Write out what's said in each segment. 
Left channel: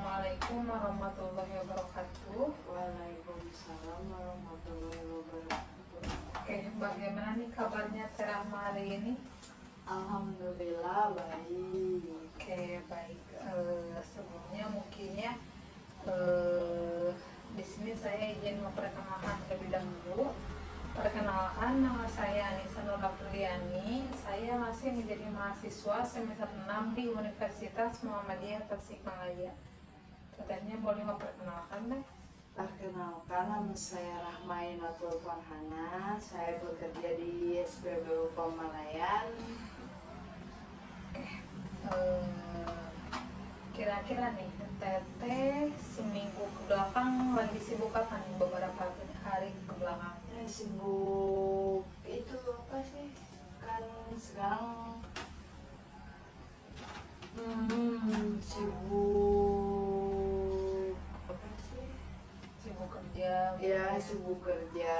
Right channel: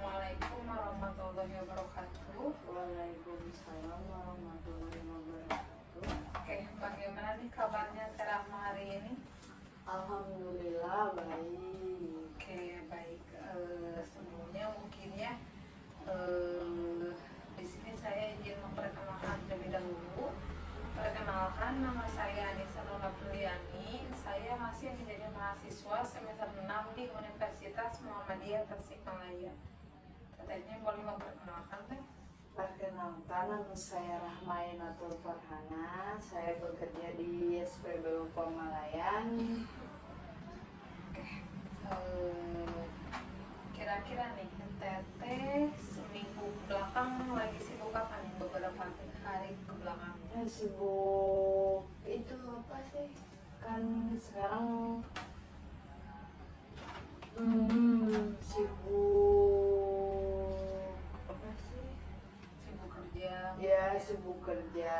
Assalamualaikum warahmatullahi wabarakatuh. Waalaikumsalam warahmatullahi wabarakatuh. Oke, bagaimana nih kabarnya Rahma hari ini? Alhamdulillah baik. Oke, baik. Sebelumnya mungkin ya, di sini saya izin memperkenalkan terlebih dahulu. Perkenalkan, nama saya Anissa Nur Apriliani. Saya masih menjadi mahasiswa semester 6 di Universitas Muhammadiyah Tasikmalaya. Katanya boleh memperkenalkan deh. Perkenalkan, nama saya Rahmainatul Farhana. Saya bekerja di SPBU Pamalayan. Kira-kira nih, Teteh seminggu ke belakang lagi sibuk apa nih beberapa hari ke belakang? Sibuk itu apa sih? Kan sekarang sibuk apa sih? Sibuk kerja. Ya sibuk kerja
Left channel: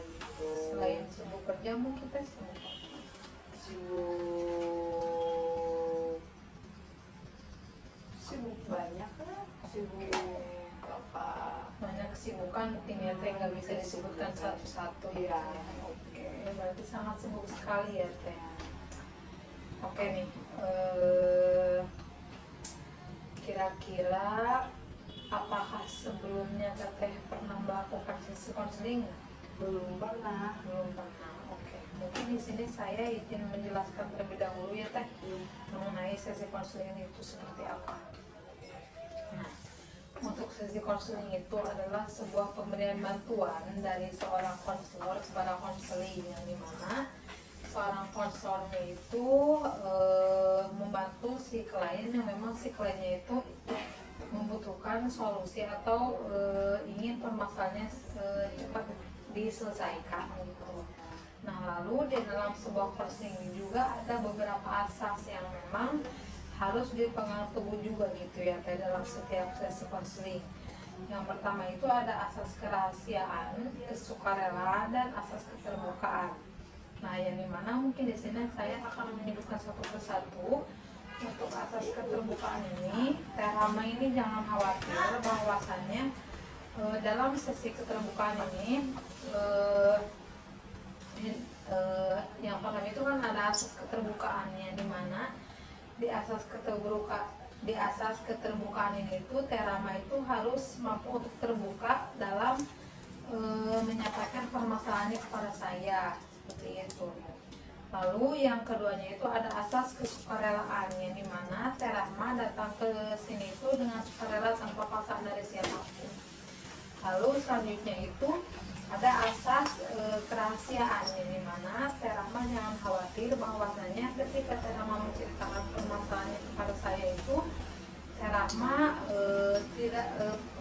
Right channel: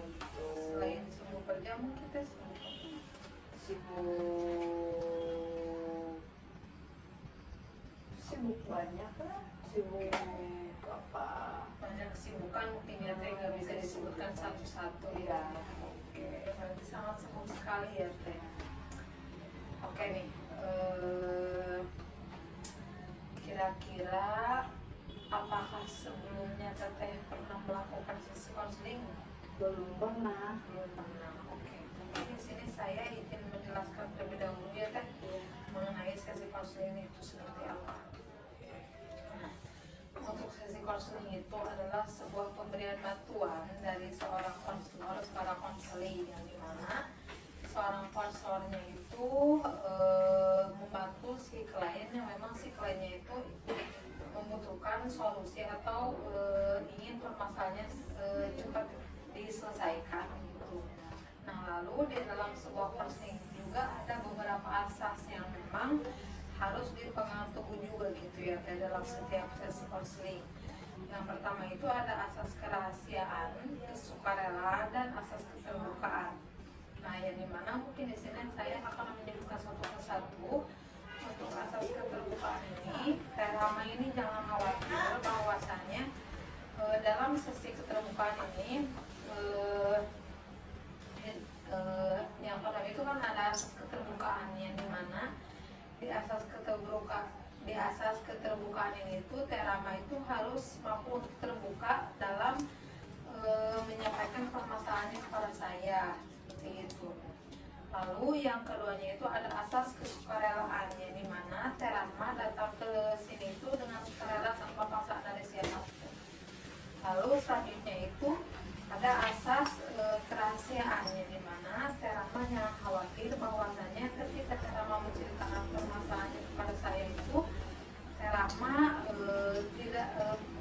gitu. Selain sibuk kerja, mungkin kita sibuk apa? sibuk banyak lah, sibuk apa? Banyak kesibukan, mungkin ya Teh nggak bisa disebutkan satu-satu ya. Oke, berarti sangat sibuk sekali ya Teh. Oke nih, kira-kira apakah sebelumnya Teteh pernah melakukan sesi konseling? Belum pernah. Belum pernah. Oke, mungkin di sini saya izin menjelaskan terlebih dahulu ya Teh mengenai sesi konseling itu seperti apa. Nah, untuk sesi konseling itu adalah sebuah pemberian bantuan dari seorang konselor kepada konseling, yang dimana seorang konselornya itu membantu si klien yang memang si kliennya itu membutuhkan solusi atau ingin permasalahannya cepat diselesaikan gitu. Nah, lalu di dalam sebuah konseling juga ada beberapa asas yang memang harus dipegang teguh juga gitu ya dalam setiap sesi konseling. Yang pertama itu ada asas kerahasiaan, kesukarelaan, dan asas keterbukaan. Nah, yang dimana mungkin di sini saya akan menyebutkan satu persatu. Untuk asas keterbukaan ini, Rahma ini jangan khawatir bahwasannya dalam sesi keterbukaan ini yang pertama itu kan ada asas keterbukaannya, di mana di asas keterbukaan ini itu Rahma itu harus mampu untuk terbuka dalam menyampaikan permasalahannya kepada saya, seperti itu. Lalu yang keduanya itu ada asas kesukarelaan, yang dimana Rahma datang ke sini itu dengan sukarela tanpa paksaan dari siapapun. Lalu selanjutnya itu ada asas kerahasiaan, yang dimana Rahma jangan khawatir bahwasanya ketika Rahma menceritakan permasalahannya kepada saya itu Rahma tidak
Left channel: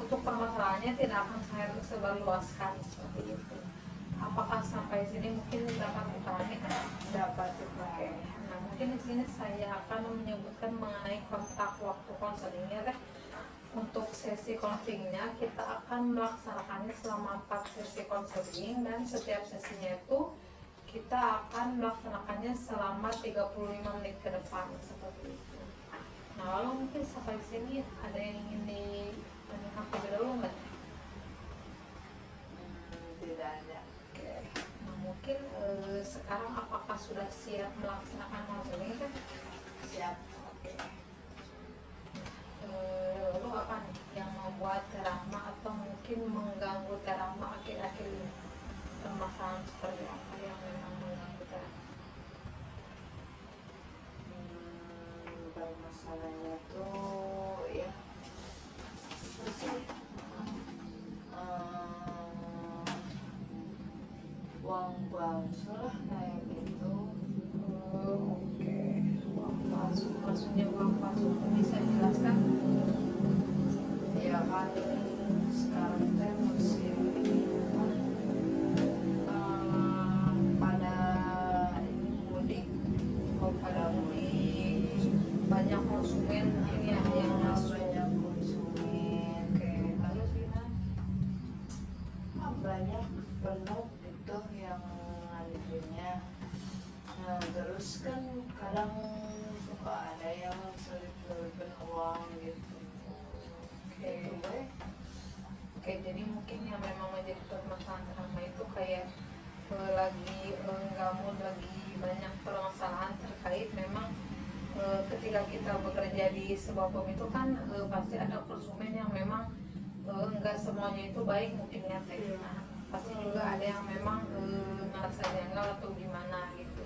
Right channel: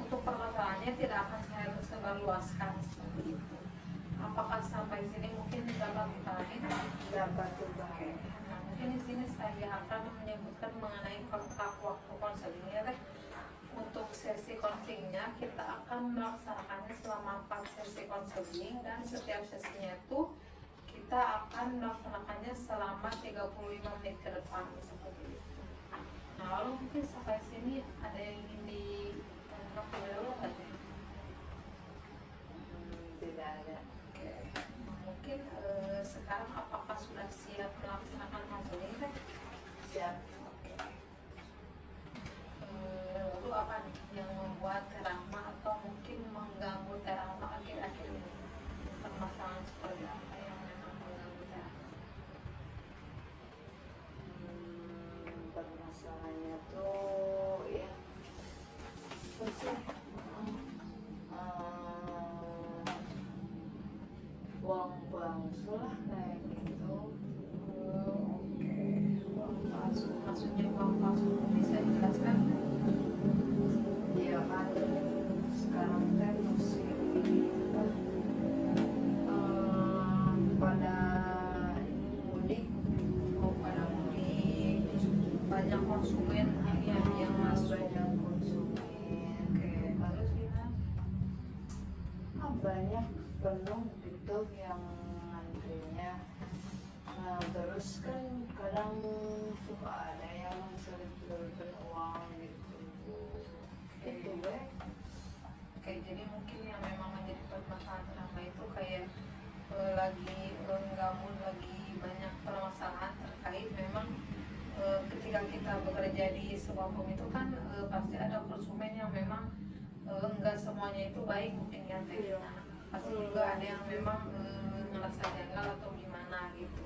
untuk permasalahannya tidak akan saya sebarluaskan, seperti itu. Apakah sampai sini mungkin dapat dipahami? Dapat juga. Oke. Nah, mungkin di sini saya akan menyebutkan mengenai kontak waktu konselingnya Teh. Untuk sesi konselingnya kita akan melaksanakannya selama 4 sesi konseling, dan setiap sesinya itu kita akan melaksanakannya selama 35 menit ke depan, seperti itu. Nah, lalu mungkin sampai sini ada yang ingin ditanyakan terlebih dahulu nggak? Tidak ada. Oke. Nah, mungkin sekarang apakah sudah siap melaksanakan konseling Teh? Siap. Oke. Lalu apa nih yang membuat Rahma atau mungkin mengganggu Rahma akhir-akhir ini? Permasalahan seperti apa yang memang mengganggu Rahma? Permasalahannya tuh ya uang palsu lah kayak gitu. Oke, uang palsu. Maksudnya uang palsu bisa dijelaskan? Ya kan sekarang teh musim pada ini mudik. Pada mudik banyak konsumen yang masuk. Banyak konsumen. Oke, lalu gimana? Banyak penuh gitu yang ngantrinya. Nah, terus kan kadang suka ada yang selip-selipin uang gitu. Telkom itu kan pasti ada konsumen yang memang enggak semuanya itu baik mungkin ya teh. Nah, pasti juga ada yang memang ngerasa janggal atau gimana gitu.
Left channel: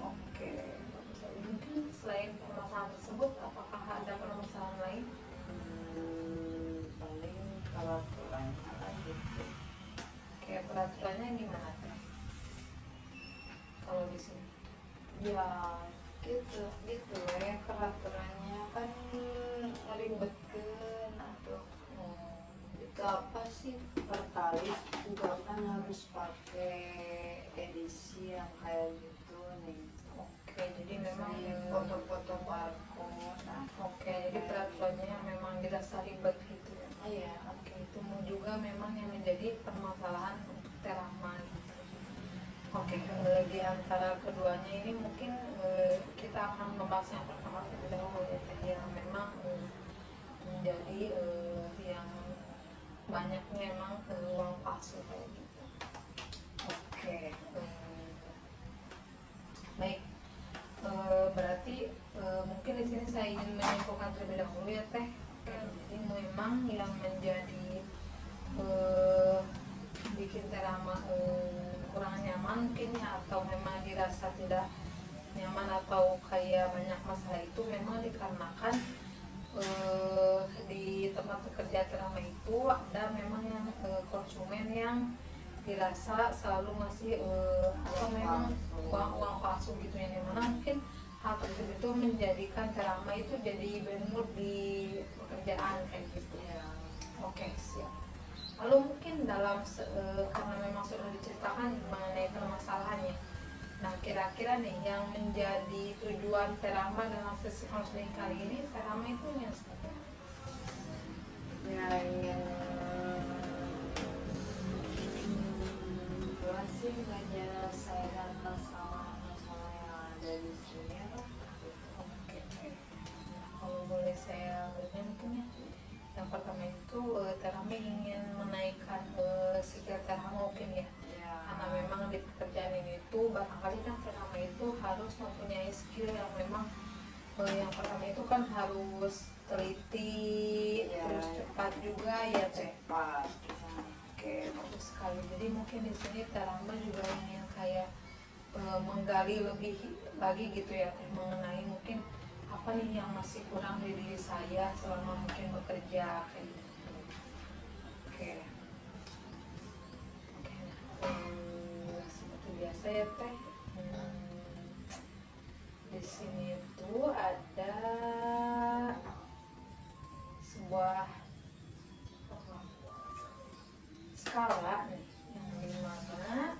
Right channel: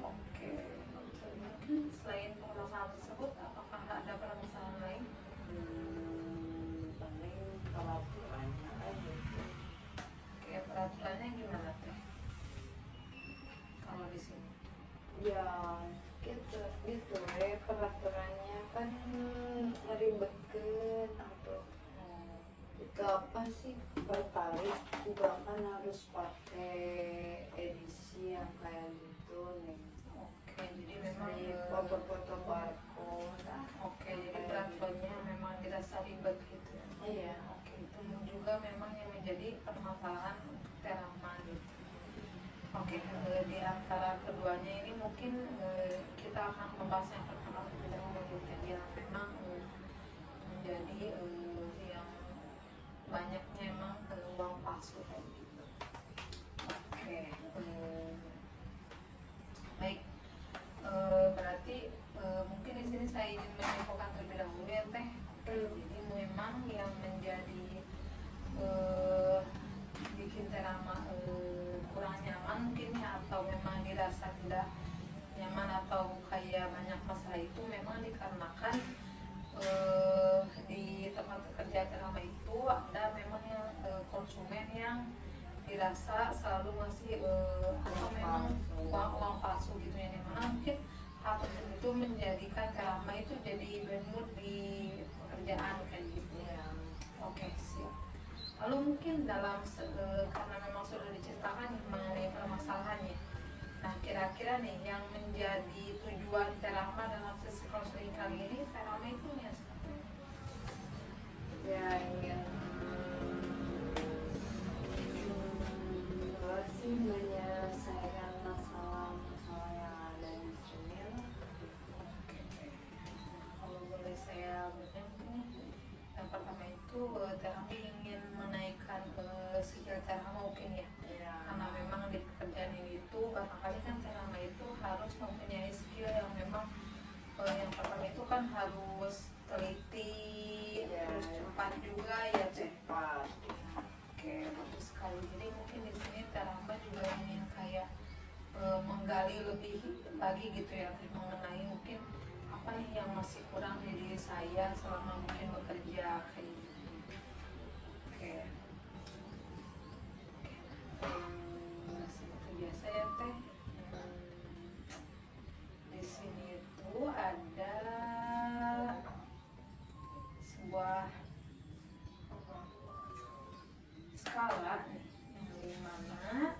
Oke, mungkin selain permasalahan tersebut, apakah ada permasalahan lain? Paling peraturannya lagi. Oke, peraturannya gimana teh? Kalau di sini? Ya gitu gitu ya, peraturannya kan ribetkeun atau itu apa sih, pertalite juga kan harus pakai edisi yang kayak gitu nih. Oke, jadi memang Foto-foto barcode. oke, jadi peraturannya memang dirasa ribet gitu ya. Iya. Oke, itu juga memang yang menjadi permasalahan Terama gitu. Oke, di antara keduanya ini mungkin kita akan membahas yang pertama terlebih dahulu ya, yang memang menjadi yang banyaknya emang uang palsu kayak gitu. Oke, baik. Berarti mungkin di sini saya ingin menyimpulkan terlebih dahulu ya teh. Jadi memang yang menjadi bikin Terama kurang nyaman mungkin, atau memang dirasa tidak nyaman atau kayak banyak masalah, itu memang dikarenakan di tempat kerja Terama itu ada memang yang konsumen yang dirasa selalu ngasih atau memang uang palsu gitu, yang dimana mungkin hal tersebut itu menjadikan Terama itu jadi bad mood di pekerjaan kayak gitu ya. Oke, siap. Lalu mungkin dalam karena memang sudah diceritakan mengenai permasalahannya, nah kira-kira nih yang menjadi tujuan Terama dalam sesi konseling kali ini, Terama itu seperti apa? Ya ingin gua sih menyelesaikan masalah-masalah yang ada di sini lah. Oke. Kalau boleh saya bertanya mungkin ya, yang pertama itu Terama ingin menaikkan skill Terama mungkin ya, karena memang di pekerjaan ini tuh barangkali kan Terama itu harus mempunyai skill yang memang yang pertama itu kan harus teliti, Ya, terus cepat juga ya teh. cepat. Oke, bagus sekali. Jadi mungkin di sini Terama juga ingin kayak menggali lebih lagi gitu ya teh, mengenai mungkin apa nih yang masih kurang di diri saya selama mungkin bekerja kayak gitu. Oke. Oke. Seperti biasa ya teh. Di sini itu ada sebuah skala nih, yang dimana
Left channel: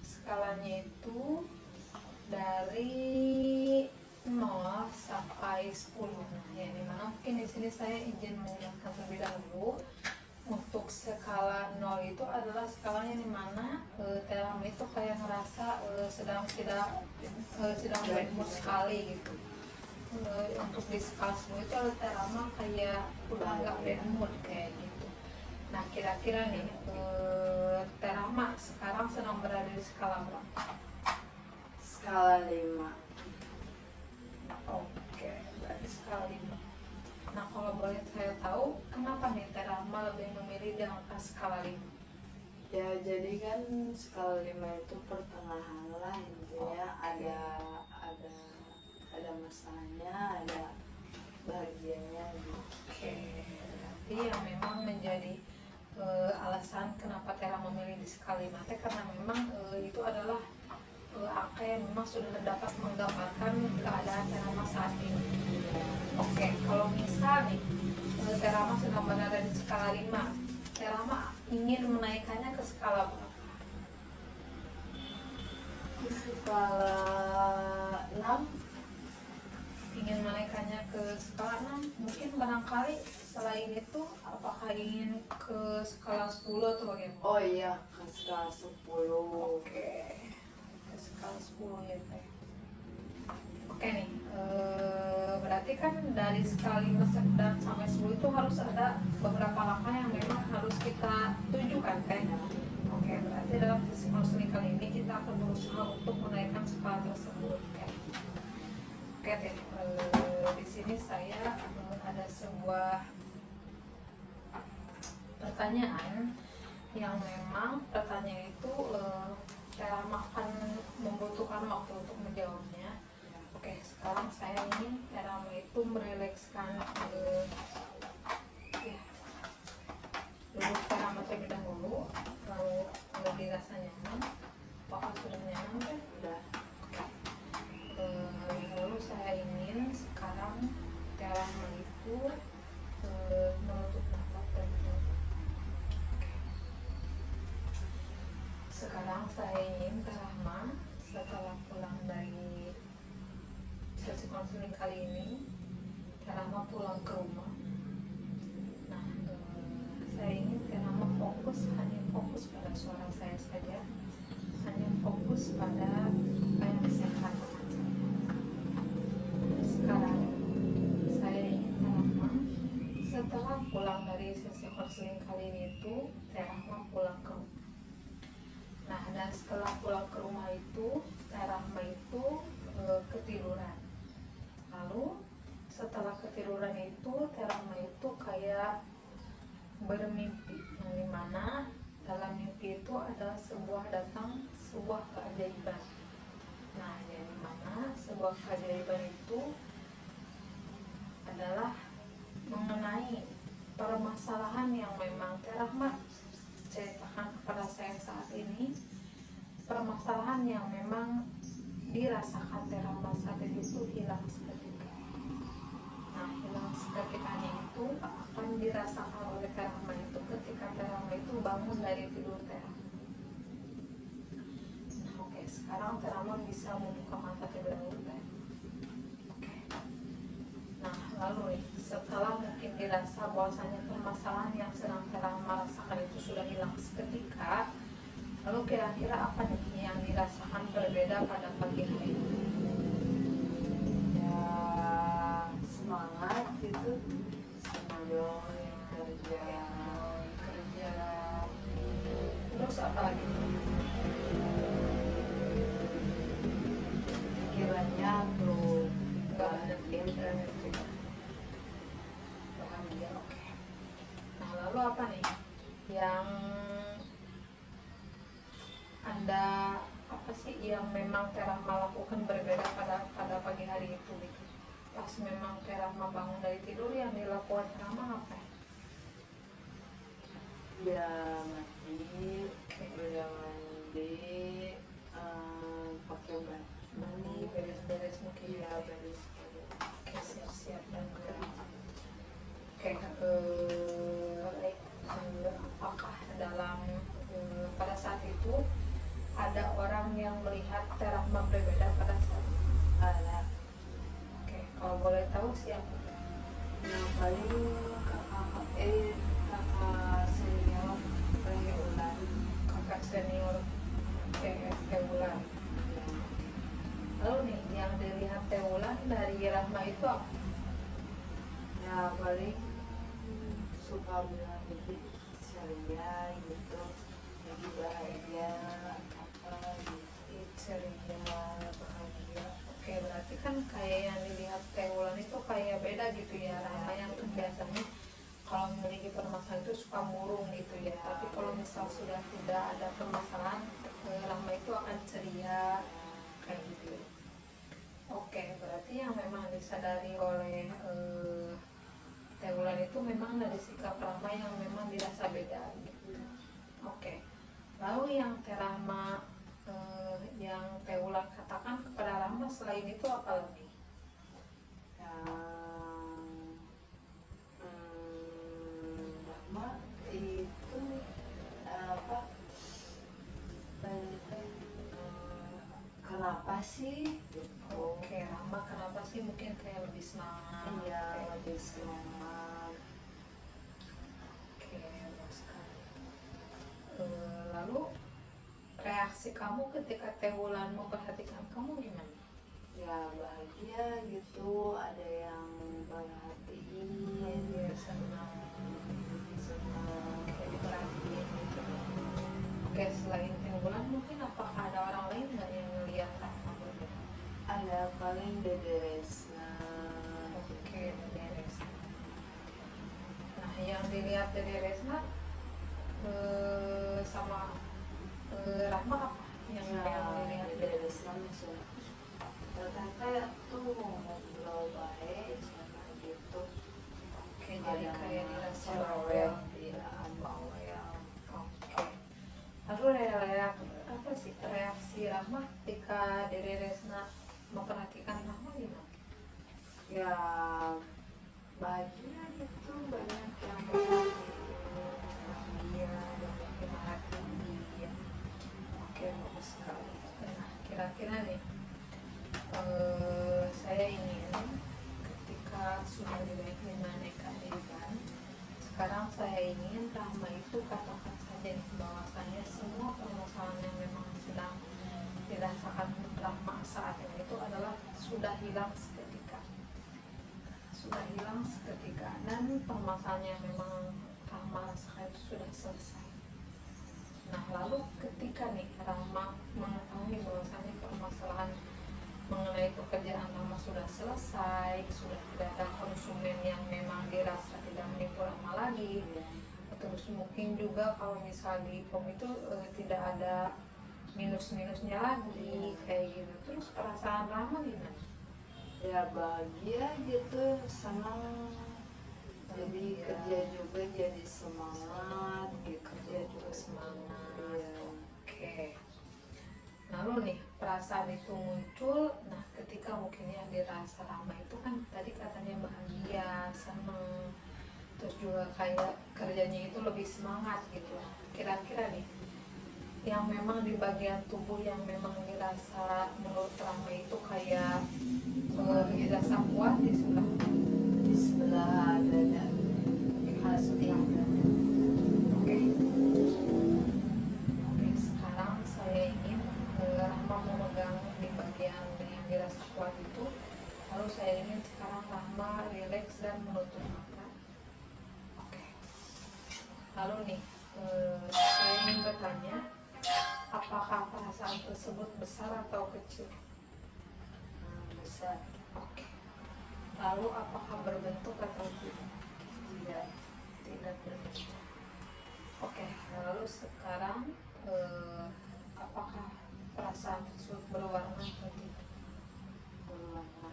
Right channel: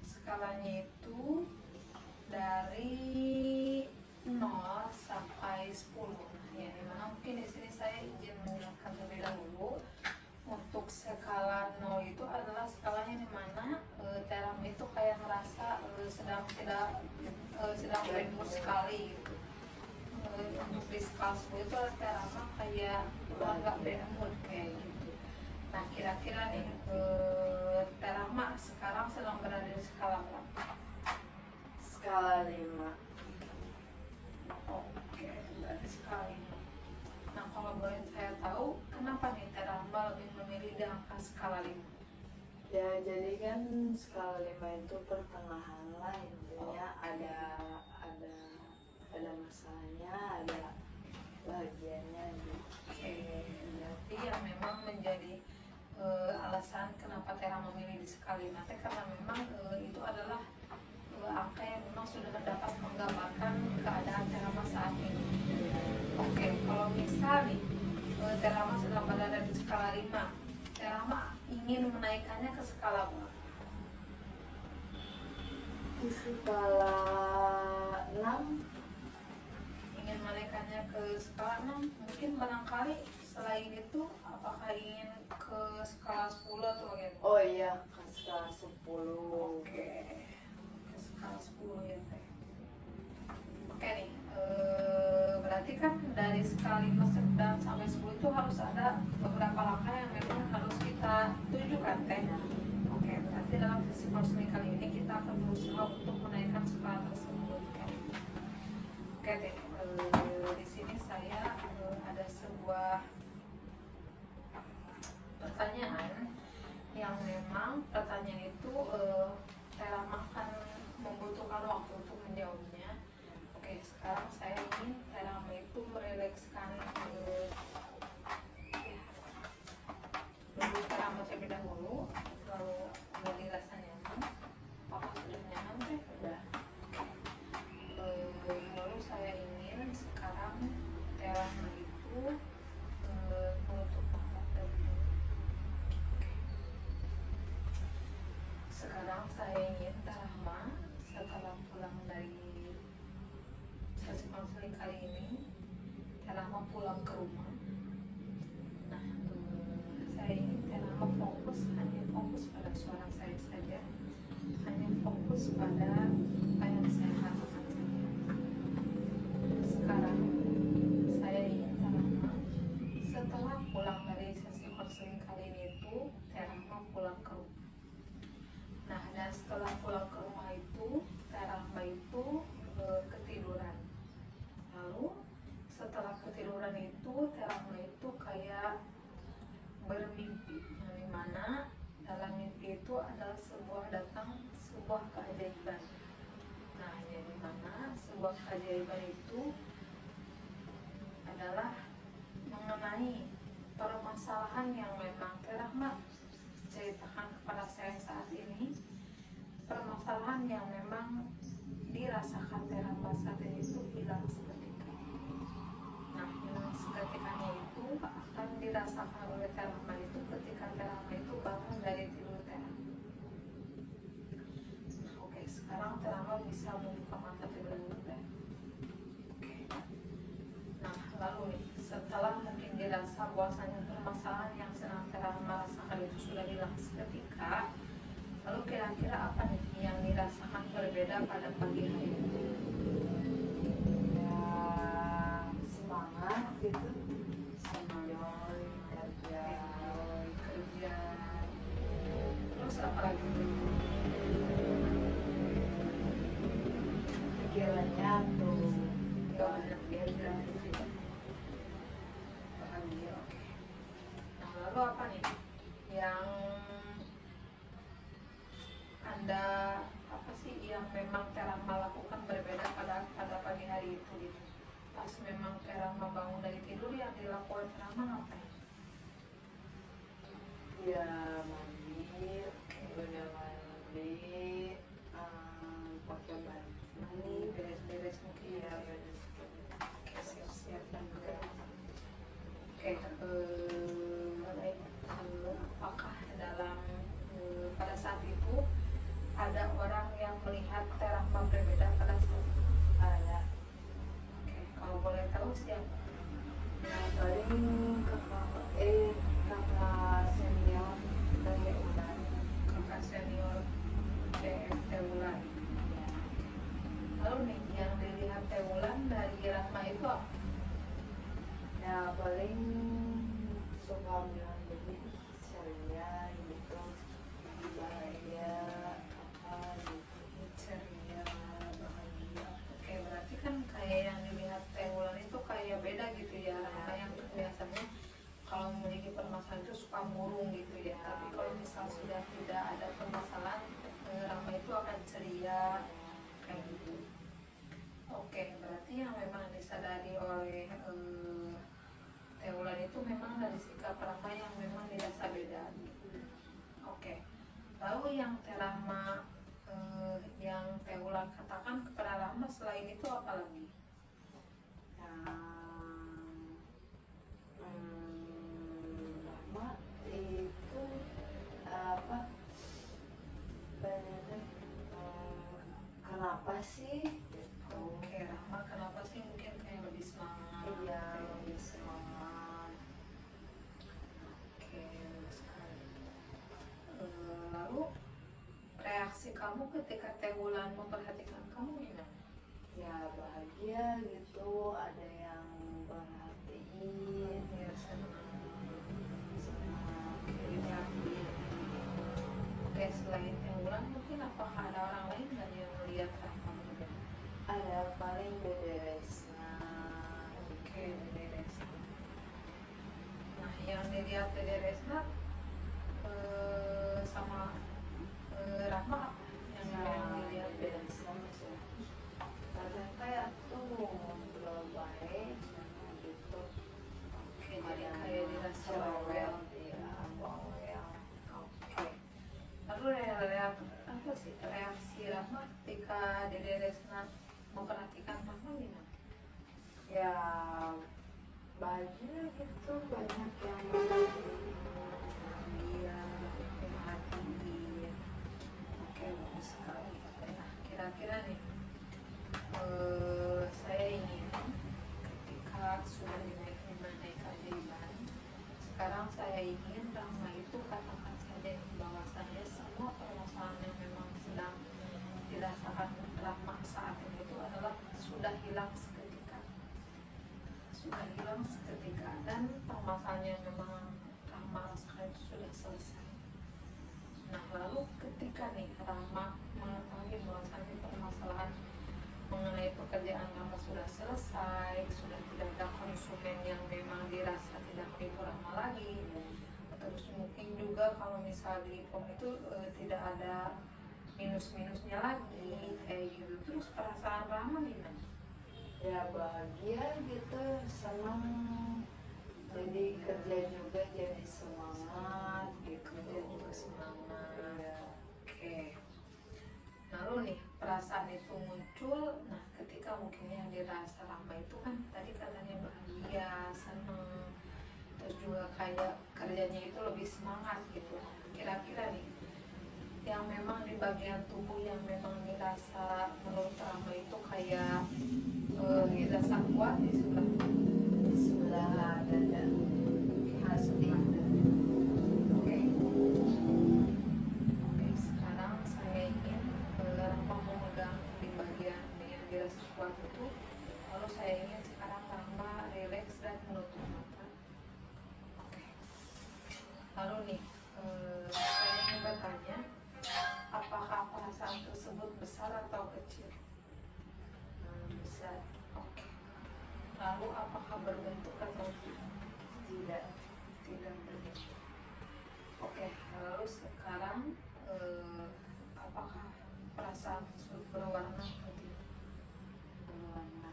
skalanya itu dari 0 sampai 10. Nah, yang dimana mungkin di sini saya izin menggunakan terlebih dahulu. Untuk skala 0 itu adalah skalanya dimana Terama itu kayak ngerasa sedang bad mood sekali gitu. Untuk di skala 10 itu Terama kayak udah nggak bad mood kayak gitu. Nah, kira-kira nih Terama sekarang sedang berada di skala berapa? Skala 5. Oke, berarti skala 5. Nah, kalau boleh saya tahu, kenapa nih Terama lebih memilih di angka skala 5? Ya jadi kan skala 5 itu pertengahan lah intinya, ada masanya, ada bahagianya gitu. Oke, berarti yang memang menjadi alasan kenapa Terama memilih di skala 5 karena memang itu adalah angka yang memang sudah dapat menggambarkan keadaan Terama saat ini. Oke, kalau misal nih Terama sedang berada di skala 5, Terama ingin menaikkannya ke skala berapa? Skala 6. Ingin menaikkannya ke skala 6, mungkin barangkali selain itu apakah ingin ke skala 10 atau bagaimana? Oh iya, ke skala 10. Oke, ke skala 10 ya teh. Oke nih, berarti kan dari skala 5 dan sampai 10 itu harus ada beberapa langkah yang memang harus kita tujukan teh. Oke, berarti dalam sesi konseling kali ini kita akan berusaha untuk menaikkan skala tersebut ya. Oke deh, di sini saya ada sebuah pertanyaan yang memang pertanyaan itu saya akan membutuhkan waktu untuk menjawabnya. Oke, sekarang saya ingin Terama itu merelekskan ya, dulu Terama terlebih dahulu, lalu dirasa nyaman. Apakah sudah nyaman deh? Udah. Lalu saya ingin sekarang Terama itu menutup nafas terlebih dahulu. Sekarang saya ingin Terama setelah pulang dari sesi konseling kali ini, Terama pulang ke rumah. Nah, saya ingin Terama hanya fokus pada suara saya saja, hanya fokus pada apa yang saya katakan saja. Sekarang saya ingin Terama setelah pulang dari sesi konseling kali ini itu, Terama pulang ke rumah. Nah, dan setelah pulang ke rumah itu, Terama itu ketiduran. Lalu setelah ketiduran itu, Terama itu kayak bermimpi, yang dimana dalam mimpi itu adalah sebuah keajaiban. Nah, yang dimana sebuah keajaiban itu adalah mengenai permasalahan yang memang Terama ceritakan kepada saya saat ini, permasalahan yang memang dirasakan Terama saat ini itu hilang seketika. Nah, hilang seketikanya itu akan dirasakan oleh Terama itu ketika Terama itu bangun dari tidur Terama. Nah, oke, sekarang Terama bisa membuka mata terlebih dahulu. Nah, lalu nih, setelah mungkin dirasa bahwasanya permasalahan yang sedang Terama rasakan itu sudah hilang seketika, lalu kira-kira apa nih yang dirasakan berbeda pada pagi hari? Ya, semangat gitu sebelum kerja. Terus apa lagi? Pikirannya tuh Bahagia. Oke. Nah, lalu apa nih yang Anda apa sih yang memang Terama lakukan berbeda pada pagi hari itu gitu? Pas memang Terama bangun dari tidur, yang dilakukan Terama apa? ya mandi, udah mandi, pakai baju, Mandi, beres-beres mungkin ya ya. beres. Oke, siap-siap dan kerja. Oke, baik. Apakah dalam pada saat itu ada orang yang melihat Terama berbeda pada saat itu? Ada. Oke, kalau boleh tahu siapa? Yang paling kakak senior Ulan. Kakak senior Teulan. Lalu nih yang dilihat Teulan dari Rahma itu apa? Ya paling suka bilang jadi ceria gitu, jadi bahagia apa gitu. Ceria, bahagia. Oke, berarti kan kayak yang dilihat Teulan itu kayak beda gitu ya. Rahma yang tuh biasanya kalau memiliki permasalahan itu suka murung gitu ya. Tapi kalau misal sudah tidak ada permasalahan, Rahma itu akan ceria kayak gitu. Oke, berarti yang memang disadari oleh Teulan itu memang dari sikap Rahma yang memang dirasa beda gitu. Oke, lalu yang Terama yang Teulan katakan kepada Rahma selain itu apa lagi? Mama itu apa banyak kenapa sih gitu. Oke, Rahma kenapa sih mungkin kayak lebih semangat? Iya Kayak lebih semangat. Oke, bagus sekali. Lalu reaksi kamu ketika Teulan memperhatikan kamu gimana? Ya bahagia gitu, ada yang perhatiin, Ya, senang. senang. Kayak diperhatiin gitu ya. Oke, selain Teulan mungkin apakah ada orang lain nggak yang melihat kamu? Ada paling beberes bahagia gitu, banyak yang memang bahagia, banyak yang happy. Oke, bagus sekali. Nah, kira-kira nih, saya ingin ketika sudah dinaikkan keajaiban, sekarang saya ingin Rahma itu katakan saja bahwasanya semua permasalahan yang memang sedang dirasakan Rahma saat ini itu adalah sudah hilang seketika, dan permasalahan yang memang Rahma rasakan itu sudah selesai. Nah, lalu ketika nih Rahma mengetahui bahwasanya permasalahan mengenai pekerjaan Rahma sudah selesai, sudah tidak ada konsumen yang memang dirasa tidak menipu Rahma lagi, terus mungkin juga kalau misal di POM itu tidak ada minus-minusnya lagi kayak gitu, terus perasaan Rahma gimana? Ya bahagia gitu, senang, jadi Bahagia. kerja juga jadi semangat gitu. Kerja juga semangat. Iya. Oke. Lalu nih perasaan itu muncul, nah ketika mungkinnya dirasa Rahma itu kan tadi katanya bahagia, senang, terus juga kayak kerjanya itu lebih semangat gitu. Kira-kira nih yang memang di bagian tubuh yang memang dirasa menurut Rahma itu kayak dirasa kuat di sebelah Di sebelah dada, sebelah dada. Oke. Oke, sekarang saya ingin Rahma memegang di bagian yang dirasa kuat itu. Lalu saya ingin sekarang Rahma rileks dan menutup mata. Oke. Lalu nih, saya ingin bertanya, apakah perasaan tersebut besar atau kecil? Besar. Oke. Lalu apakah berbentuk atau tidak? Tidak. Tidak berbentuk. Oke, lalu sekarang apakah perasaan tersebut berwarna atau tidak? Berwarna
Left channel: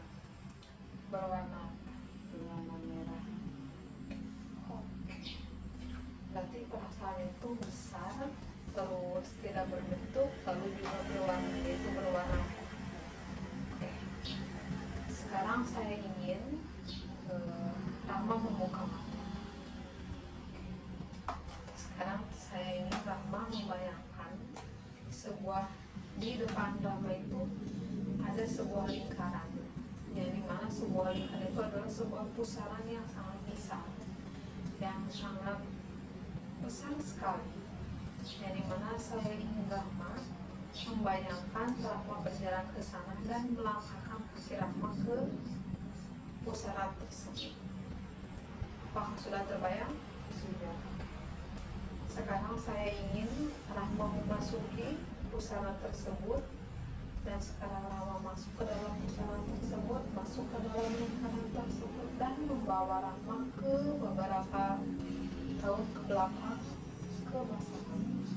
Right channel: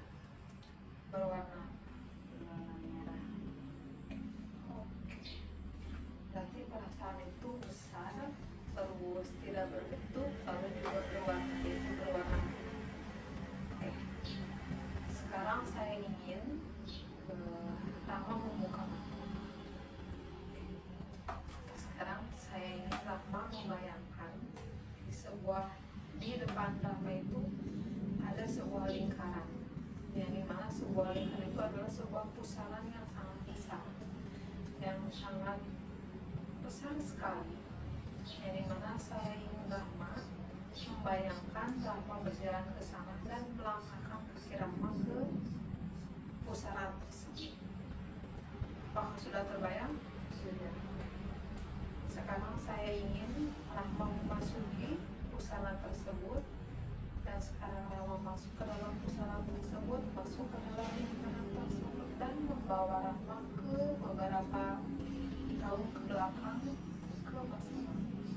Berwarna. merah. Oke. Berarti perasaan itu besar, terus tidak berbentuk, lalu juga berwarna, yaitu berwarna. Oke. Sekarang saya ingin Rahma membuka mata. Sekarang saya ingin Rahma membayangkan di depan Rahma itu ada sebuah lingkaran, yang dimana sebuah lingkaran itu adalah sebuah pusaran yang sangat besar, besar sekali, yang dimana saya ingin Rahma membayangkan Rahma berjalan ke sana dan melangkahkan kaki Rahma ke pusaran tersebut. Apakah sudah terbayang? Sudah. Sekarang saya ingin Rahma memasuki pusaran tersebut, dan sekarang Rahma masuk ke dalam pusaran tersebut, masuk ke dalam lingkaran tersebut, dan membawa Rahma ke beberapa tahun ke belakang, ke masa lalu.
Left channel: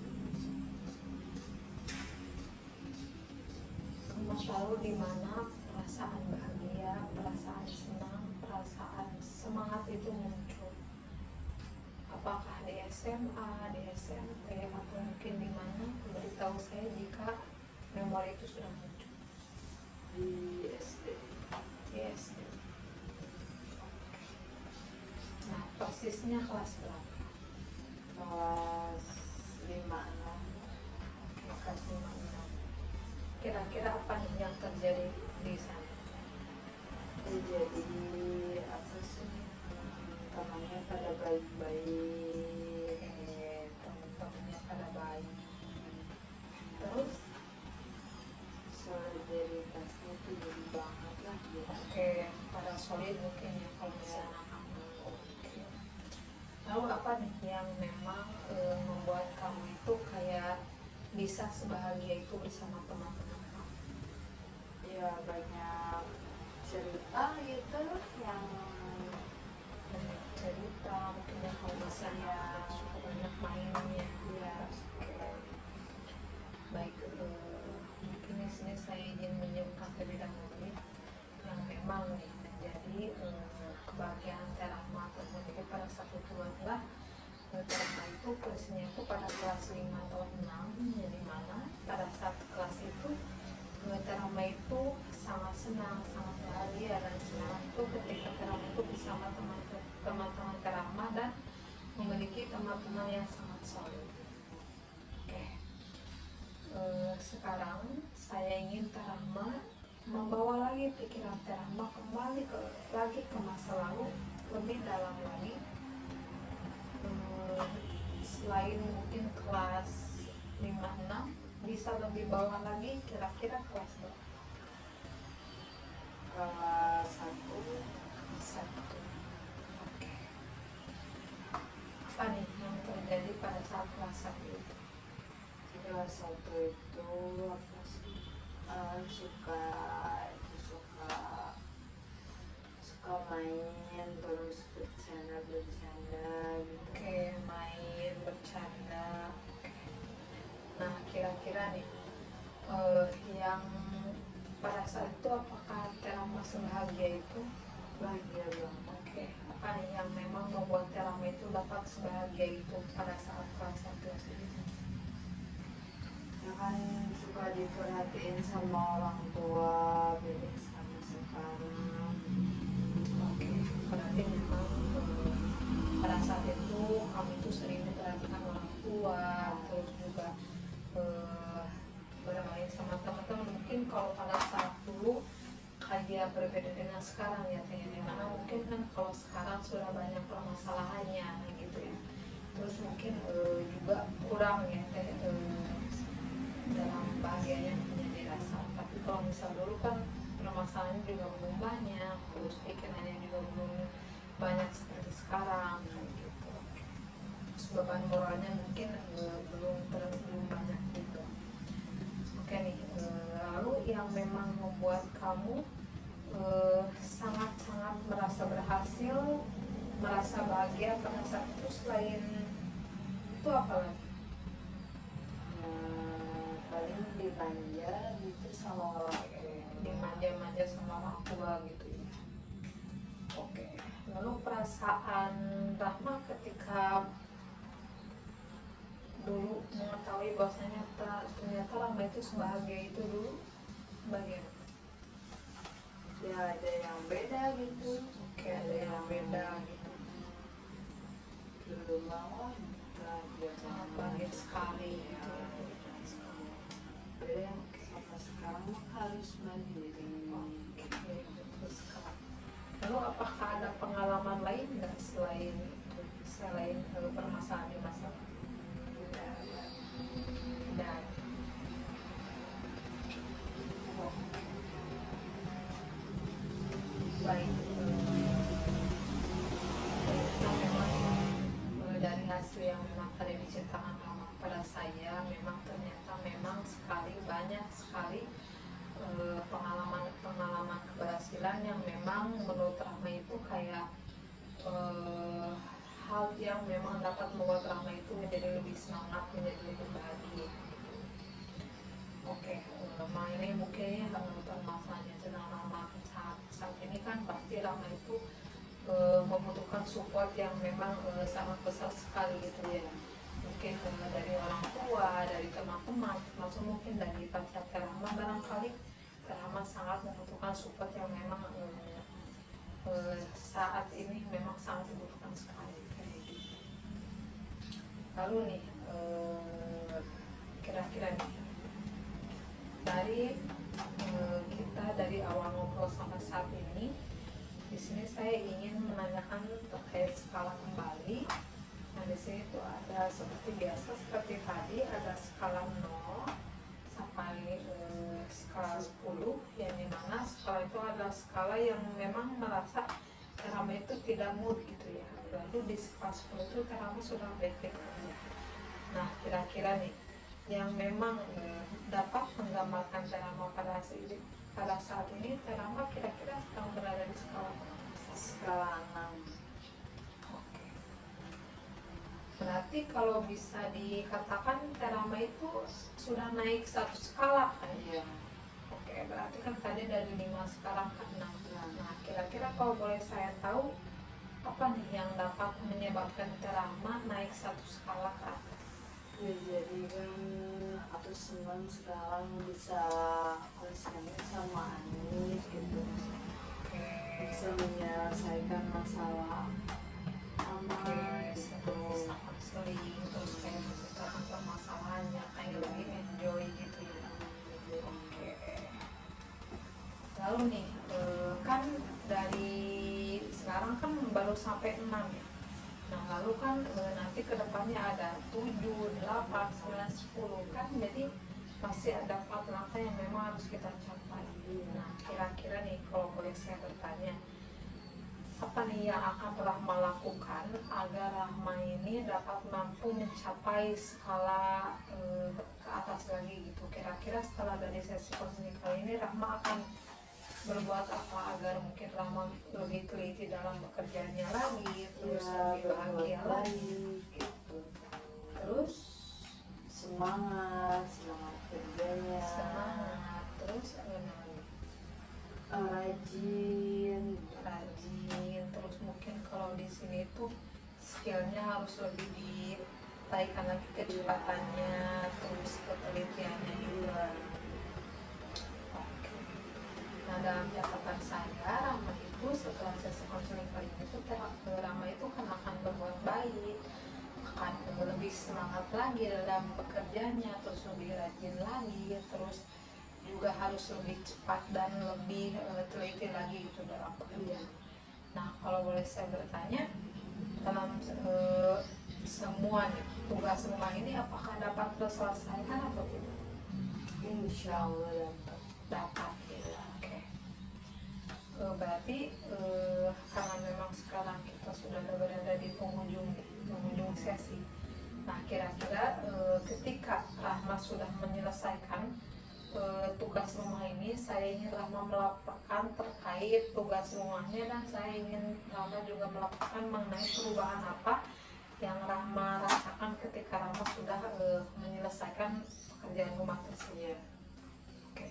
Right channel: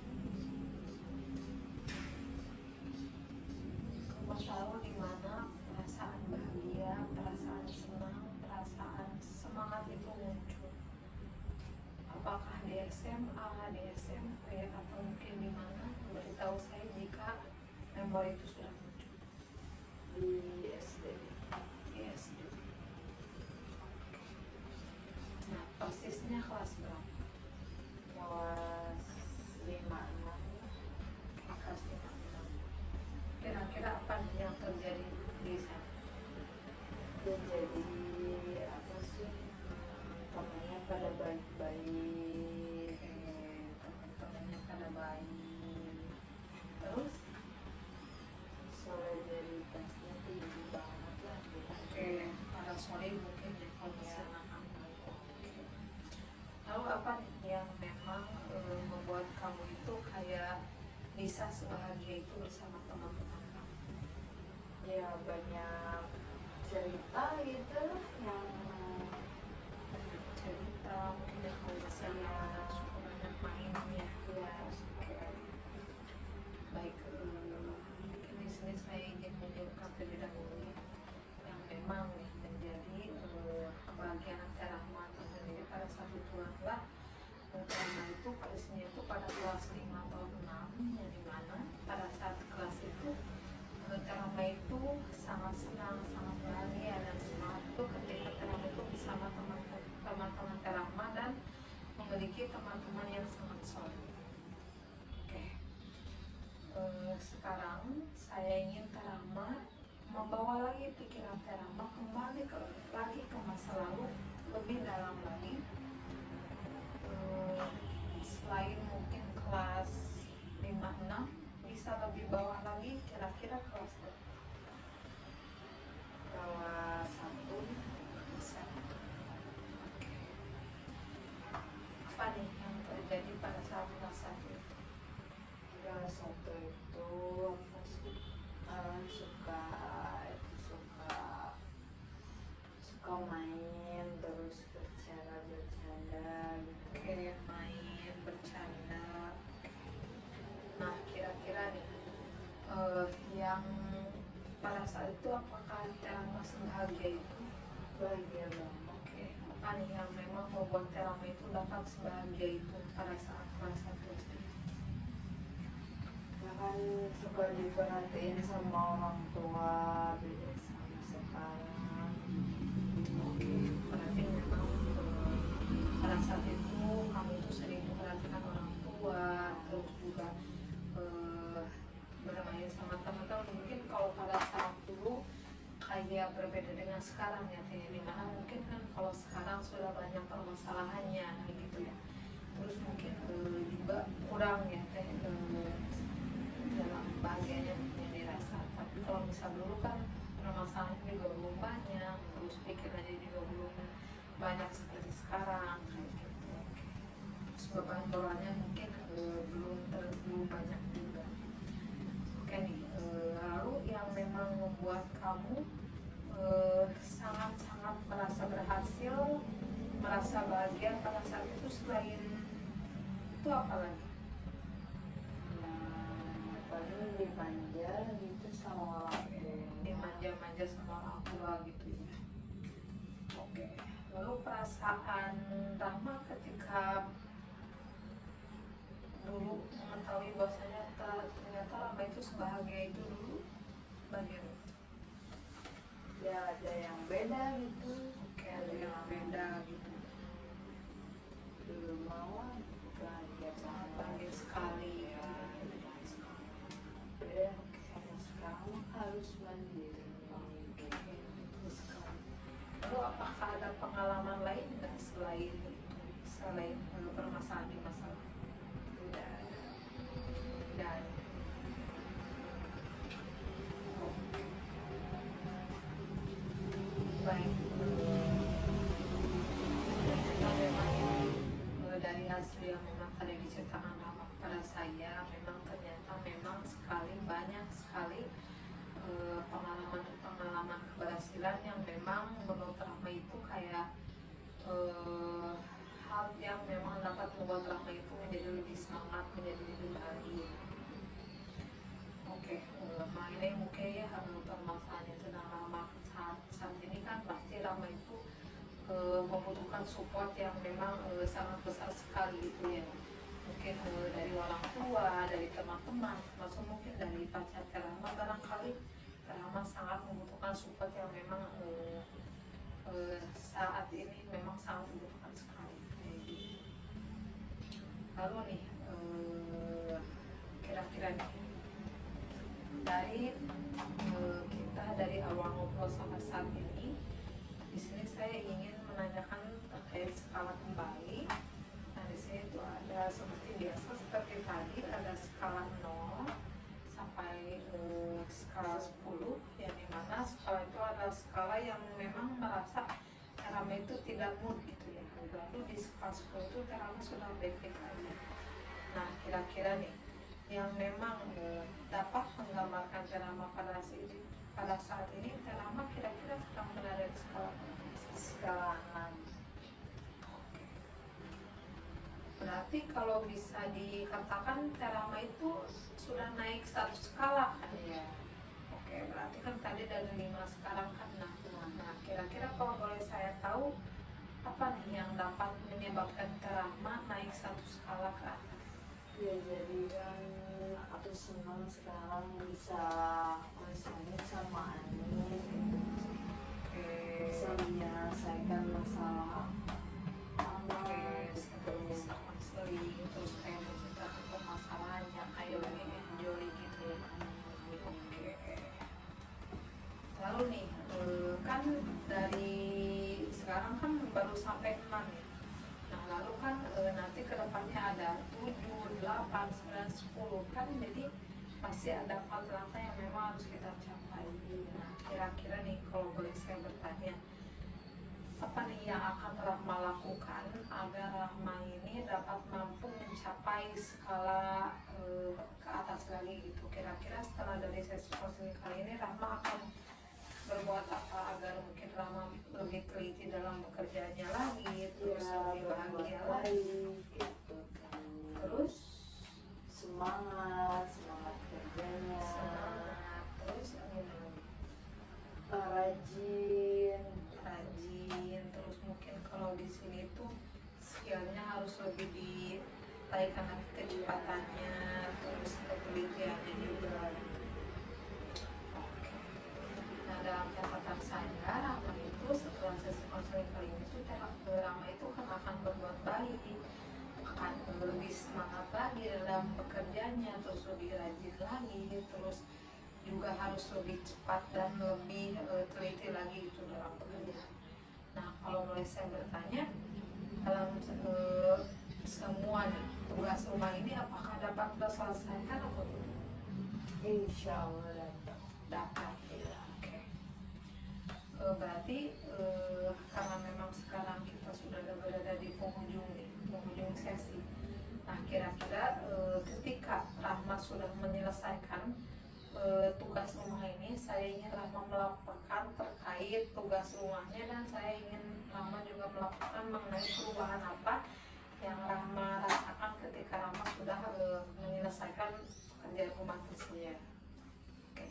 Ke masa lalu di mana perasaan bahagia, perasaan senang, perasaan semangat itu muncul. Apakah di SMA, di SMP, atau mungkin di mana? Beritahu saya jika memori itu sudah muncul. Di SD. Di SD. Nah, persisnya kelas berapa? Kelas 5. Kelas 5. Kira-kira apa nih yang terjadi di sana? Ya jadi apa sih, temannya pada baik-baik, Teman-temannya pada baik. Terus, solidaritasnya tuh jadi banget lah gitu. oke, pada solid mungkin ya kalau misalnya kamu. Oke. Lalu apa nih yang memang membuat kamu itu kayak bisa sebahagia itu bersama teman-teman kamu? Ya banyak cerita gitu yang Banyak cerita, mungkin ya kalau misalnya suka banyak mainnya. ya Baik, mungkin di sini saya ingin menyebutkan terlebih dahulu ya, yang memang nih menjadi kebahagiaan Rahma tersendiri pada saat itu adalah Rahma itu kelasnya itu pada kelas 5 atau 6, yang dimana pada saat kelas itu Rahma itu sangat senang, sangat bahagia dan semangat itu ketika Rahma itu bersama teman-teman teman-teman Terama dan memiliki teman-teman yang sangat solid. Oke. Sekarang saya ingin Terama membawa lagi pikiran Terama kembali lagi ke masa lalu lebih dalam lagi. Selain mungkin kelas 5-6, bisa lebih bawah lagi, kira-kira kelas berapa? Kelas 1. Oke. Apa nih yang terjadi pada saat kelas 1 itu? Kelas 1 itu apa sih? Suka main terus bercanda gitu. Oke, main, bercanda. Nah, kira-kira nih, yang pada saat itu apakah Terama sebahagia itu? Bahagia banget. Oke, apa nih yang memang membuat Terama itu dapat sebahagia itu pada saat kelas 1 SD? Ya kan suka diperhatiin sama orang tua, beda sama sekarang. Oke, berarti memang pada saat itu kami itu sering diperhatikan orang tua, terus juga bermain sama teman-teman. Mungkin kalau pada saat dulu kayak berbeda dengan sekarang ya teh, dimana mungkin kan kalau sekarang sudah banyak permasalahannya gitu ya, terus mungkin juga kurang ya teh dalam bahagianya menjadi rasa. Tapi kalau misal dulu kan permasalahannya juga belum banyak, terus pikirannya juga belum banyak seperti sekarang gitu. Terus beban moralnya mungkin belum banyak juga. Oke nih, lalu yang memang membuat kamu sangat-sangat merasa berhasil, merasa bahagia pada saat itu, selain itu apa lagi? Paling dimanja gitu sama orang tua. Dimanja-manja sama orang tua gitu ya. Oke, lalu perasaan Rahma ketika dulu mengetahui bahwasanya ternyata Rahma itu sebahagia itu dulu bagaimana? Ya ada yang beda gitu. Oke, ada yang beda gitu. Dulu mah bahagia Sangat banget. bahagia sekali. Beda yang sama sekarang harus mandiri. Oke, betul sekali. Lalu apakah ada pengalaman lain nggak selain permasalahan di masa lalu? Dan baik, dari hasil yang memang tadi diceritakan pada saya, memang ternyata memang banyak sekali pengalaman keberhasilan yang memang menurut Rahma itu kayak hal yang memang dapat membuat Rahma itu menjadi lebih semangat, menjadi lebih bahagia. Oke, mengenai mungkin permasalahannya tentang Rahma saat ini kan pasti Rahma itu membutuhkan support yang memang sangat besar sekali gitu ya. Mungkin dari orang tua, dari teman-teman, termasuk mungkin dari pacar Rahma. Barangkali Rahma sangat membutuhkan support yang memang saat ini memang sangat dibutuhkan sekali. Lalu nih, kira-kira nih, dari kita dari awal ngobrol sampai saat ini, di sini saya ingin menanyakan terkait skala kembali. Nah, di sini tuh ada seperti biasa, seperti tadi ada skala 0 sampai skala 10, yang dimana skala itu adalah skala yang memang merasa Terama itu tidak mood gitu ya. Berarti di skala 10 itu Terama sudah baik-baik aja. Nah, kira-kira nih yang memang dapat menggambarkan Terama pada saat ini, Terama kira-kira sedang berada di skala Skala 6. Berarti kalau bisa dikatakan Terama itu sudah naik satu skala kan? Iya. Oke, berarti kan tadi dari 5 sekarang kan 6. Nah, kira-kira kalau boleh saya tahu, apa nih yang dapat menyebabkan Terama naik satu skala ke atas? Ya jadi kan aku senang sekarang bisa konseling sama Ani gitu. Oke. Bisa menyelesaikan masalah baru sampai 6 ya. Nah lalu kan nanti kedepannya ada 7, 8, 9, 10 kan, jadi pasti ada 4 langkah yang memang harus kita capai. Nah kira-kira nih kalau boleh saya bertanya, apa nih yang akan Rahma lakukan agar Rahma ini dapat mampu mencapai skala ke atas lagi gitu? Kira-kira setelah dari sesi konseling kali ini Rahma akan berbuat apa agar mungkin Rahma lebih teliti dalam pekerjaannya lagi, terus lebih bahagia lagi gitu. terus Semangat kerjanya, semangat, terus rajin. terus mungkin kalau di sini tuh skillnya harus lebih ditaikan lagi, kecepatannya, terus ketelitiannya juga. Nah dalam catatan saya, Rama itu setelah sesi konseling kali ini tuh Rama itu akan berbuat baik, akan lebih semangat lagi dalam pekerjaannya, terus lebih rajin lagi, terus juga harus lebih cepat dan lebih teliti lagi itu dalam pekerjaan. Nah kalau boleh saya bertanya, dalam semuanya tugas rumah ini apakah dapat terselesaikan atau tidak? Insya Allah Dapat ya. Oke. Berarti karena memang sekarang kita sudah berada di penghujung sesi. Nah kira-kira ketika Rahma sudah menyelesaikan tugas rumah ini, saya ingin Rahma melaporkan terkait tugas rumahnya, dan saya ingin Rahma juga melaporkan mengenai perubahan apa yang Rahma rasakan ketika Rahma sudah menyelesaikan pekerjaan rumah tersebut. Oke.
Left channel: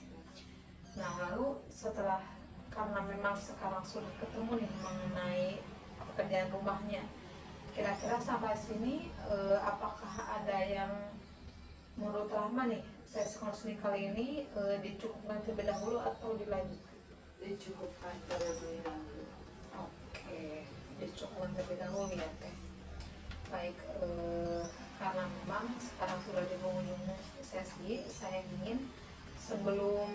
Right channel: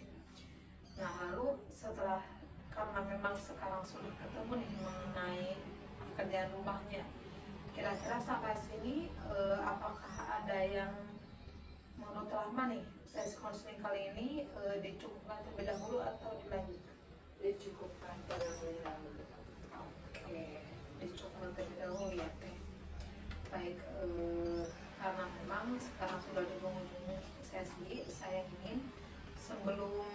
Nah lalu setelah, karena memang sekarang sudah ketemu nih mengenai pekerjaan rumahnya, kira-kira sampai sini apakah ada yang menurut Rahma nih sesi konseling kali ini dicukupkan terlebih dahulu atau dilanjutkan? dicukupkan terlebih dahulu. Oke, dicukupkan terlebih dahulu ya Teh. Baik, karena memang sekarang sudah di penghujung sesi, saya ingin sebelum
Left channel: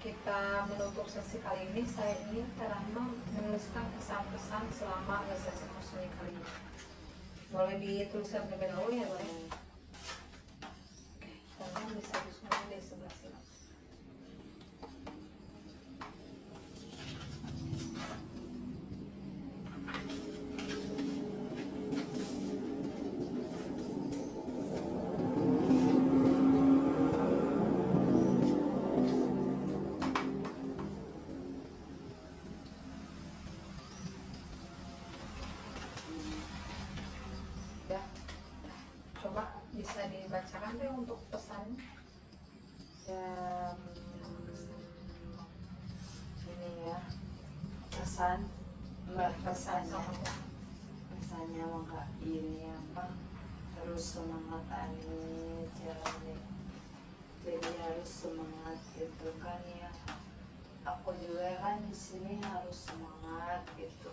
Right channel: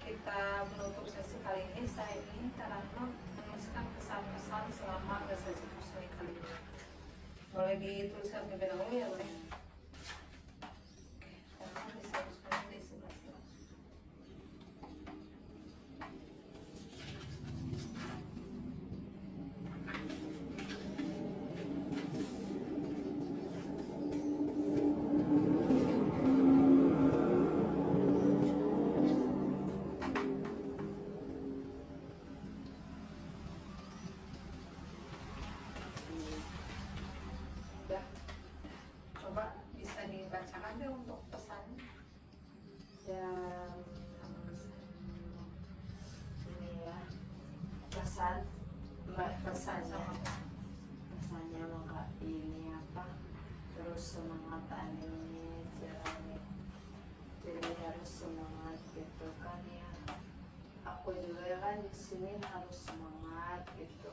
kita menutup sesi kali ini, saya ingin Rahma menuliskan kesan-kesan selama sesi konseling kali ini. Boleh dituliskan terlebih dahulu ya, boleh? Karena bisa semua di sebelah sini. Ya, coba bisa dibacakan deh untuk pesan. Dan ini ya pesannya maka ini apa, terus semangat Anis jadi harus semangat gitu kan ya. Aku juga kan di sini harus semangat gitu.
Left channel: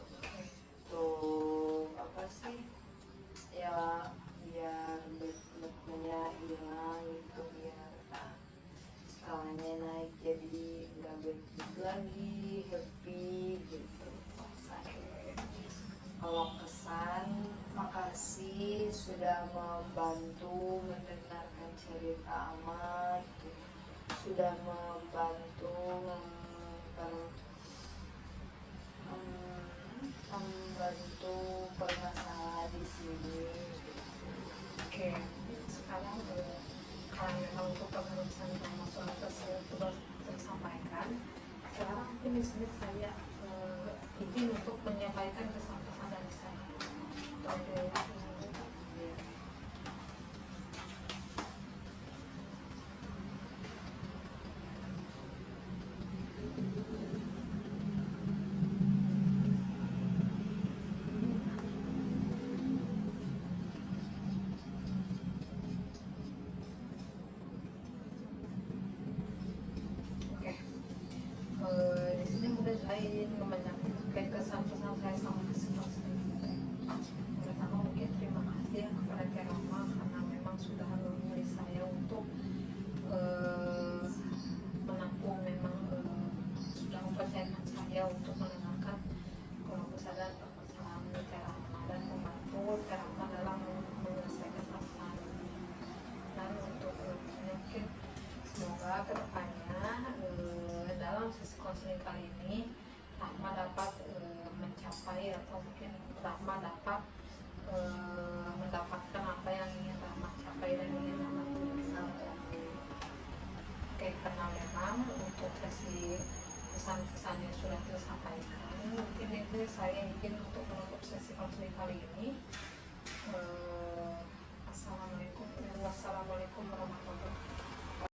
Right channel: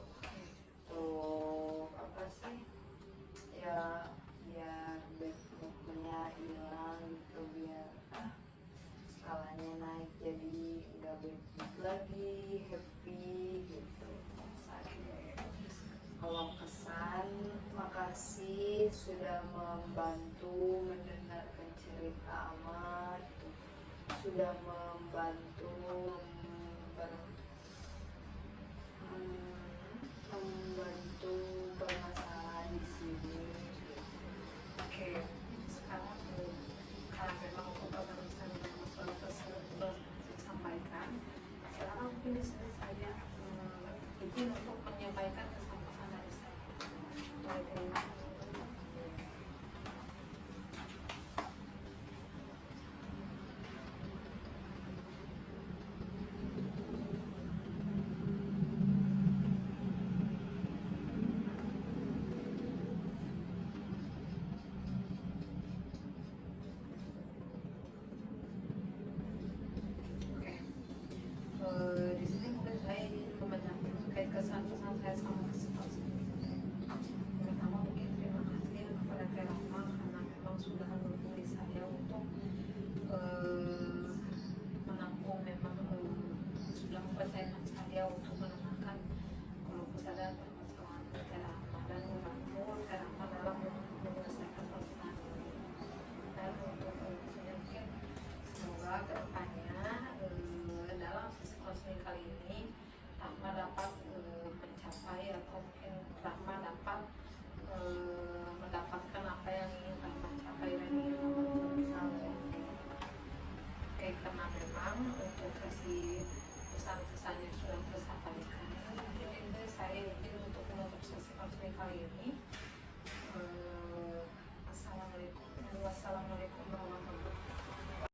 Tuh apa sih ya, biar bebannya hilang gitu, biar skalanya naik jadi nggak bad lagi, happy gitu. Kalau pesan, makasih sudah membantu mendengarkan cerita Ama gitu. Sudah membantu membantu bermasalah di sini. Oke, sekarang karena memang untuk pemeriksaan dan masalah tersebut sudah saya sampaikan. Sekarang mungkin di sini saya